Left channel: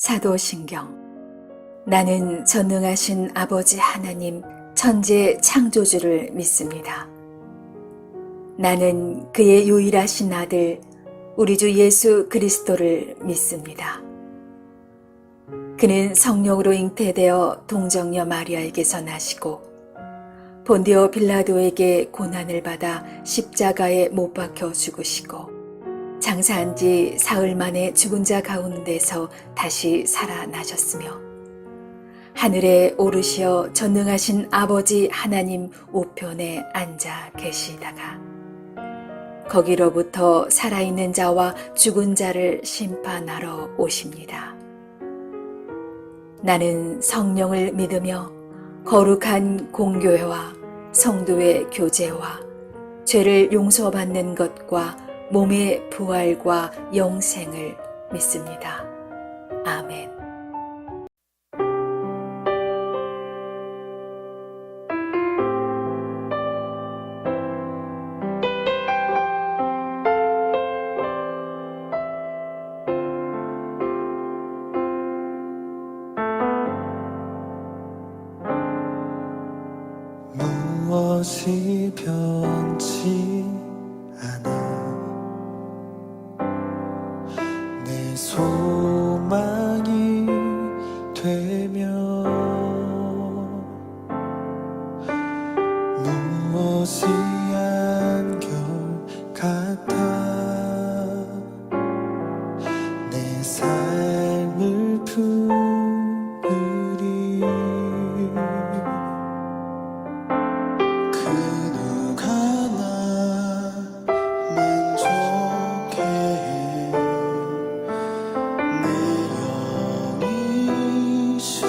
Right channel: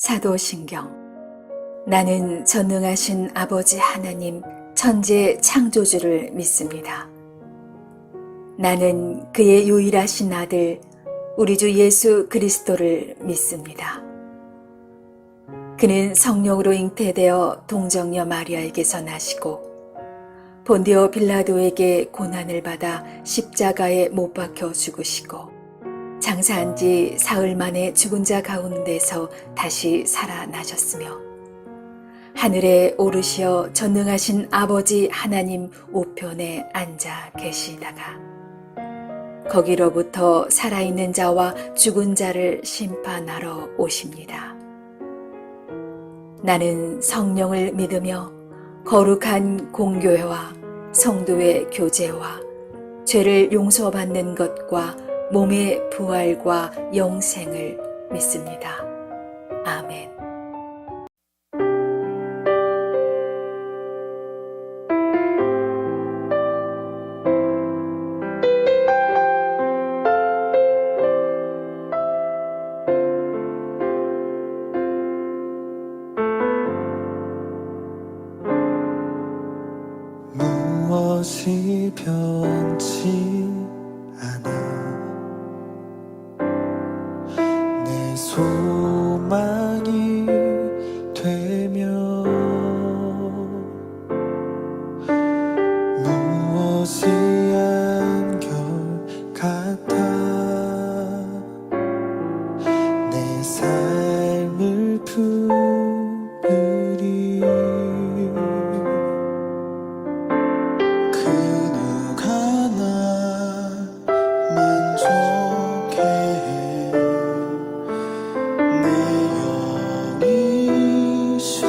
사도신경. 나는 전능하신 아버지 하나님 천지 창조주를 믿습니다. 나는 그의 유일하신 아들 우리 주 예수 그리스도를 믿습니다. 그는 성령으로 잉태되어 동정녀 마리아에게서 나시고 본디오 빌라도에게 고난을 받아 십자가에 못 박혀 죽으시고 장사한 지 사흘 만에 죽은 자 가운데서 다시 살아나셨으며 하늘에 오르시어 전능하신 아버지 하나님 우편에 앉아 계시다가 거기로부터 살아있는 자와 죽은 자를 심판하러 오십니다. 나는 성령을 믿으며 거룩한 공교회와 성도의 교제와 죄를 용서받는 것과 몸의 부활과 영생을 믿습니다. 아멘. 무엇이 변치 않아 내 소망이 되며 무엇이 한결같아 내 삶을 품으리 그 누가 나 만족해 내 영이 쉬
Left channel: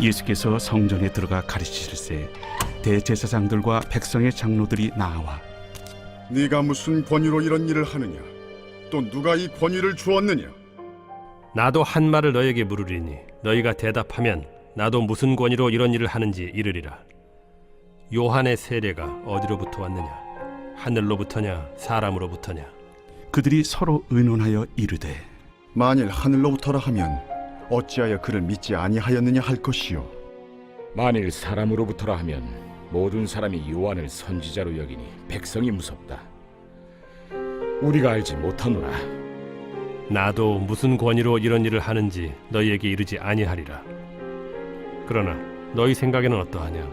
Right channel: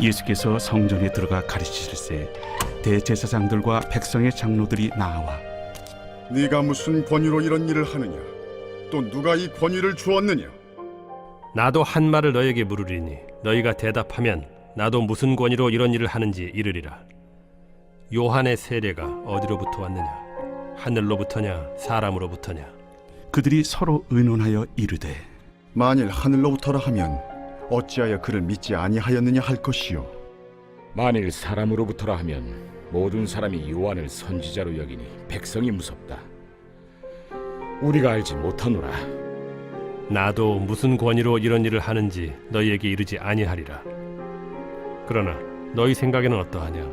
예수께서 성전에 들어가 가르치실세 대제사장들과 백성의 장로들이 나와 네가 무슨 권위로 이런 일을 하느냐? 또 누가 이 권위를 주었느냐? 나도 한 말을 너에게 물으리니 너희가 대답하면 나도 무슨 권위로 이런 일을 하는지 이르리라. 요한의 세례가 어디로부터 왔느냐? 하늘로부터냐 사람으로부터냐? 그들이 서로 의논하여 이르되 만일 하늘로부터라 하면 어찌하여 그를 믿지 아니하였느냐 할 것이요. 만일 사람으로부터라 하면 모든 사람이 요한을 선지자로 여기니 백성이 무섭다. 우리가 알지 못하노라. 나도 무슨 권위로 이런 일을 하는지 너희에게 이르지 아니하리라. 그러나 너희 생각에는 어떠하냐?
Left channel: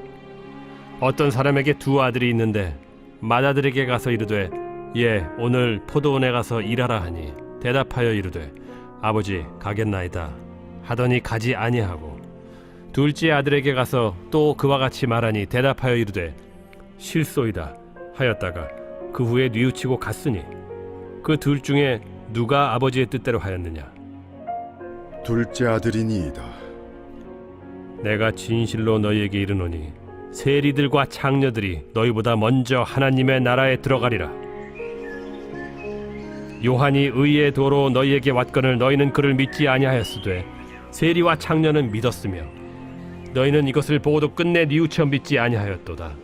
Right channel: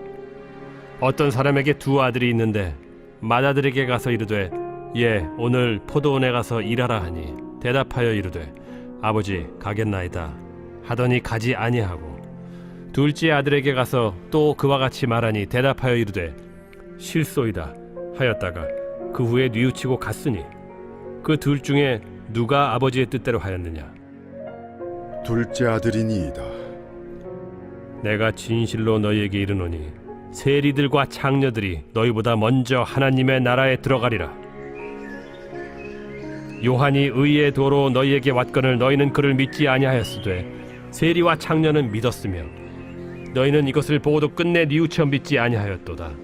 어떤 사람에게 두 아들이 있는데 맏아들에게 가서 이르되 예 오늘 포도원에 가서 일하라 하니 대답하여 이르되 아버지 가겠나이다 하더니 가지 아니하고 둘째 아들에게 가서 또 그와 같이 말하니 대답하여 이르되 실소이다 하였다가 그 후에 뉘우치고 갔으니 그 둘 중에 누가 아버지의 뜻대로 하였느냐? 둘째 아들이니이다. 내가 진실로 너희에게 이르노니 세리들과 창녀들이 너희보다 먼저 하나님의 나라에 들어가리라. 요한이 의의 도로 너희에게 왔거늘 너희는 그를 믿지 아니하였으되 세리와 창녀는 믿었으며 너희는 이것을 보고도 끝내 뉘우쳐 믿지 아니하였도다.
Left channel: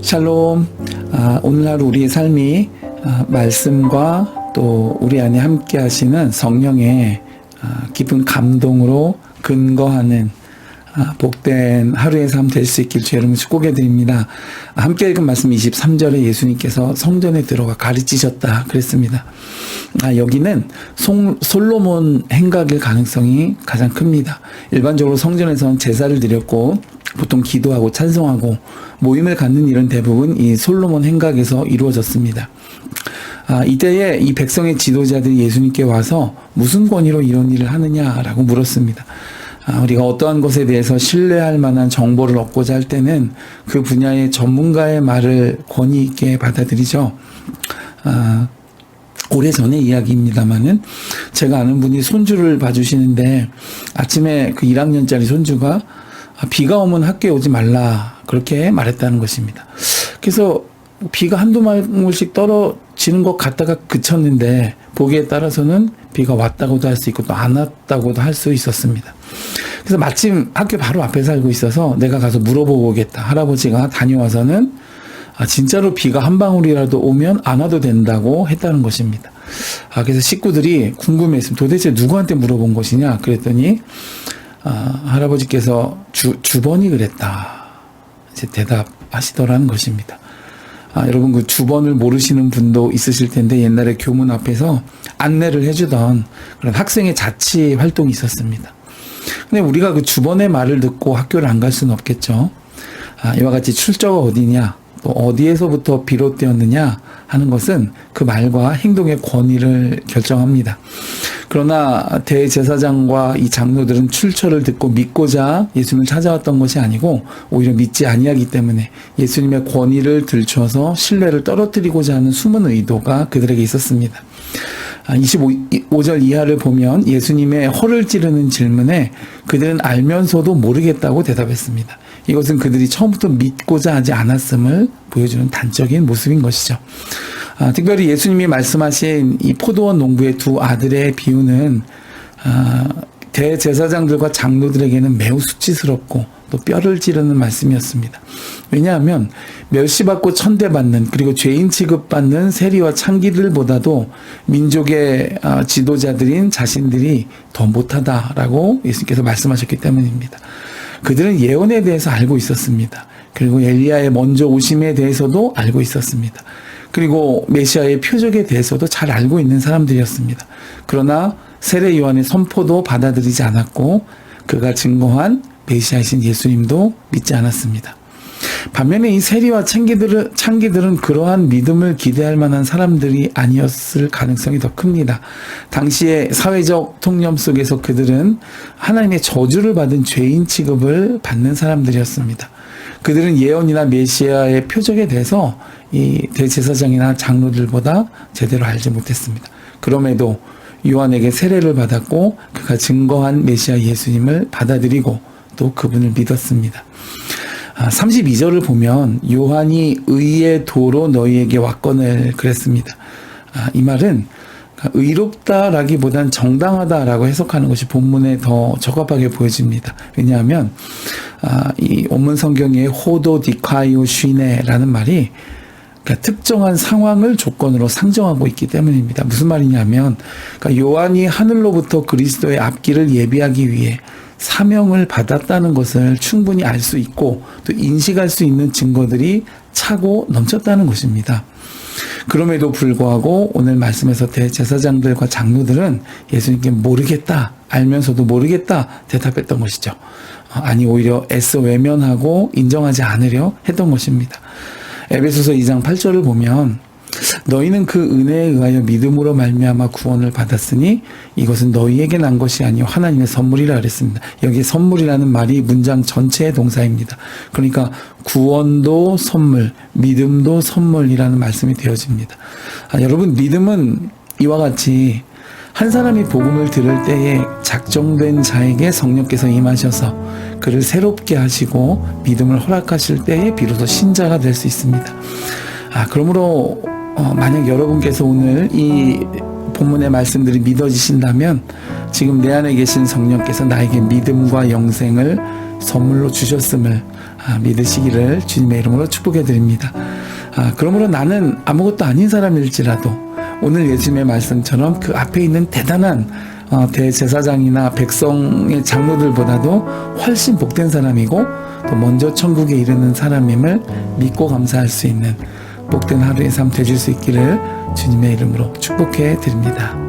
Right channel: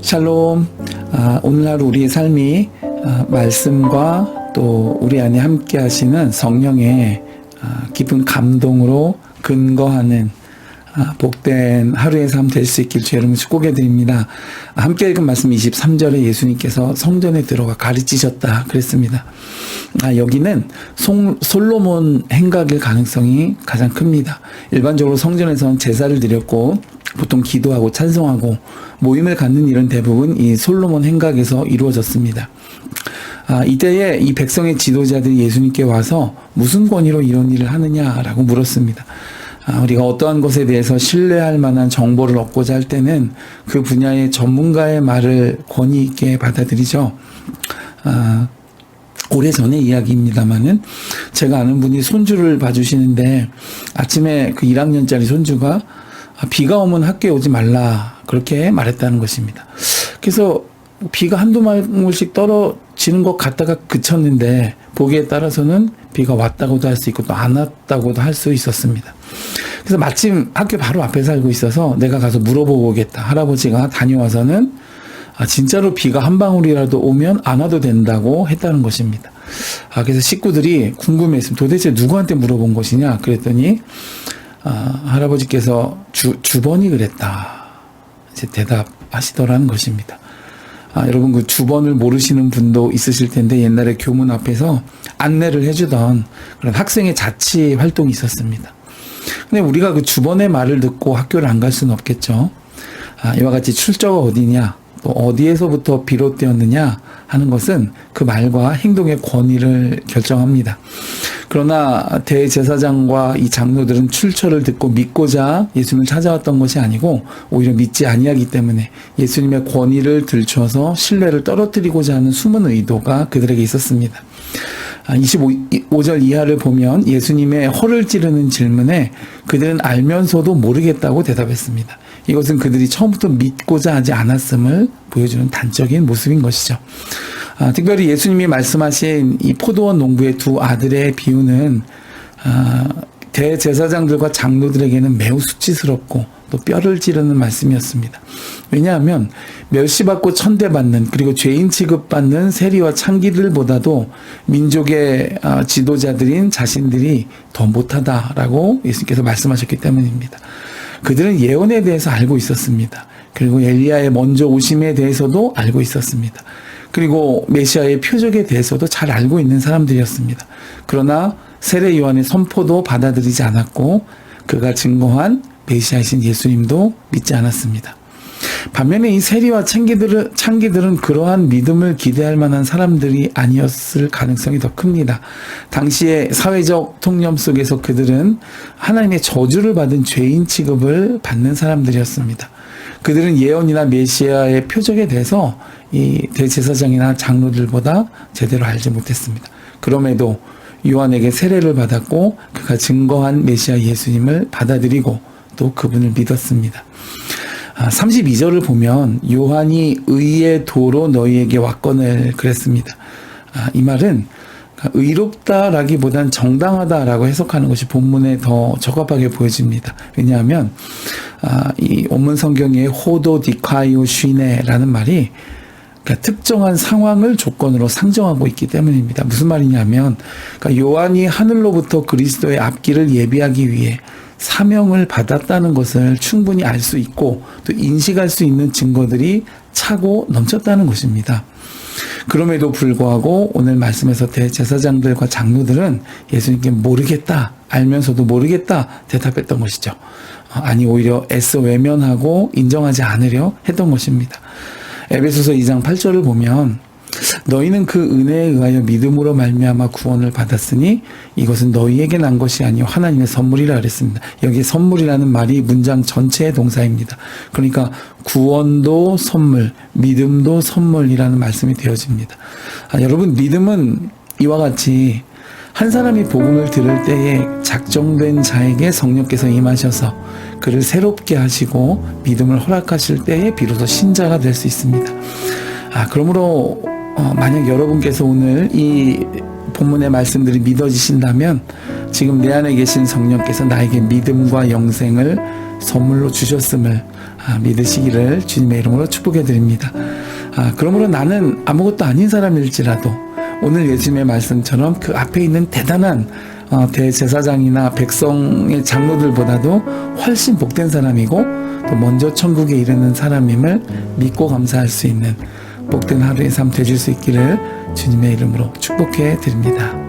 샬롬. 오늘 하루 우리의 삶이 말씀과 또 우리 안에 함께 하시는 성령의 깊은 감동으로 근거하는 복된 하루의 삶 될 수 있길 주의 이름으로 축복해드립니다. 함께 읽은 말씀 23절에 예수님께서 성전에 들어가 가르치셨다 그랬습니다. 여기는 솔로몬 행각일 가능성이 가장 큽니다. 일반적으로 성전에서는 제사를 드렸고 보통 기도하고 찬송하고 모임을 갖는 일은 대부분 이 솔로몬 행각에서 이루어졌습니다. 이때에 이 백성의 지도자들이 예수님께 와서 무슨 권위로 이런 일을 하느냐라고 물었습니다. 우리가 어떠한 것에 대해서 신뢰할 만한 정보를 얻고자 할 때는 그 분야의 전문가의 말을 권위 있게 받아들이죠. 오래전의 이야기입니다만은 제가 아는 분이 손주를 봐주시는데 아침에 그 1학년짜리 손주가 비가 오면 학교에 오지 말라 그렇게 말했다는 것입니다. 그래서 비가 한두 방울씩 떨어지는 것 같다가 그쳤는데 보기에 따라서는 비가 왔다고도 할 수 있고 또 안 왔다고도 할 수 있었습니다. 그래서 마침 학교 바로 앞에 살고 있어서 내가 가서 물어보고 오겠다. 할아버지가 다녀와서는 진짜로 비가 한 방울이라도 오면 안 와도 된다고 했다는 것입니다. 그래서 식구들이 궁금해했습니다. 도대체 누구한테 물어본 것이냐 그랬더니 할아버지께서 주번이 그랬다 이제 대답하시더라는 것입니다. 여러분 그 주번을 모르시는 분도 있으실 텐데 옛날에 교문 앞에서 안내를 해주던 그런 학생의 자치 활동이 있었습니다. 근데 우리가 그 주번의 말을 듣고 학교를 안 갈 수는 없겠죠. 이와 같이 출처가 어디냐 또 어디에서부터 비롯되었느냐 하는 것은 그 말과 행동의 권위를 결정합니다. 그러나 대제사장과 이 장로들은 출처를 듣고 믿고자 예수님을 찾아왔던 것이 아니고 오히려 믿지 아니하기 때문에 예수님의 권위를 들춰서 신뢰를 떨어뜨리고자 하는 숨은 의도가 그들에게 있었습니다. 25절 이하를 보면 예수님의 허를 찌르는 질문에 그들은 알면서도 모르겠다고 대답했습니다. 이것은 그들이 처음부터 믿고자 하지 않았음을 보여주는 단적인 모습인 것이죠. 특별히 예수님이 말씀하신 이 포도원 농부의 두 아들의 비유는 대제사장들과 장로들에게는 매우 수치스럽고 또 뼈를 찌르는 말씀이었습니다. 왜냐하면 멸시받고 천대받는 그리고 죄인 취급받는 세리와 창기들보다도 민족의 지도자들인 자신들이 더 못하다라고 예수님께서 말씀하셨기 때문입니다. 그들은 예언에 대해서 알고 있었습니다. 그리고 엘리야의 먼저 오심에 대해서도 알고 있었습니다. 그리고 메시아의 표적에 대해서도 잘 알고 있는 사람들이었습니다. 그러나 세례 요한의 선포도 받아들이지 않았고 그가 증거한 메시아이신 예수님도 믿지 않았습니다. 반면에 이 세리와 창기들은 그러한 믿음을 기대할 만한 사람들이 아니었을 가능성이 더 큽니다. 당시의 사회적 통념 속에서 그들은 하나님의 저주를 받은 죄인 취급을 받는 사람들이었습니다. 그들은 예언이나 메시아의 표적에 대해서 이 대제사장이나 장로들보다 제대로 알지 못했습니다. 그럼에도 요한에게 세례를 받았고 그가 증거한 메시아 예수님을 받아들이고 또 그분을 믿었습니다. 32절을 보면 요한이 의의 도로 너희에게 왔거늘 그랬습니다. 이 말은 의롭다라기보단 정당하다라고 해석하는 것이 본문에 더 적합하게 보여집니다. 왜냐하면 이 원문 성경의 호도 디카이오 쉬네라는 말이 그러니까 특정한 상황을 조건으로 상정하고 있기 때문입니다. 무슨 말이냐면 그러니까 요한이 하늘로부터 그리스도의 앞길을 예비하기 위해 사명을 받았다는 것을 충분히 알 수 있고 또 인식할 수 있는 증거들이 차고 넘쳤다는 것입니다. 그럼에도 불구하고 오늘 말씀에서 대제사장들과 장로들은 예수님께 모르겠다, 알면서도 모르겠다 대답했던 것이죠. 아니 오히려 애써 외면하고 인정하지 않으려 했던 것입니다. 에베소서 2장 8절을 보면 너희는 그 은혜에 의하여 믿음으로 말미암아 구원을 받았으니 이것은 너희에게 난 것이 아니요 하나님의 선물이라 그랬습니다. 여기 선물이라는 말이 문장 전체의 동사입니다. 그러니까 구원도 선물, 믿음도 선물이라는 말씀이 되어집니다. 여러분 믿음은 이와 같이 한 사람이 복음을 들을 때에 작정된 자에게 성령께서 임하셔서 그를 새롭게 하시고 믿음을 허락하실 때에 비로소 신자가 될 수 있습니다. 그러므로 만약 여러분께서 오늘 이 본문의 말씀들이 믿어지신다면 지금 내 안에 계신 성령께서 나에게 믿음과 영생을 선물로 주셨음을 믿으시기를 주님의 이름으로 축복해 드립니다. 그러므로 나는 아무것도 아닌 사람일지라도 오늘 예수님의 말씀처럼 그 앞에 있는 대단한 대제사장이나 백성의 장로들보다도 훨씬 복된 사람이고 또 먼저 천국에 이르는 사람임을 믿고 감사할 수 있는 복된 하루의 삶 되실 수 있기를 주님의 이름으로 축복해 드립니다.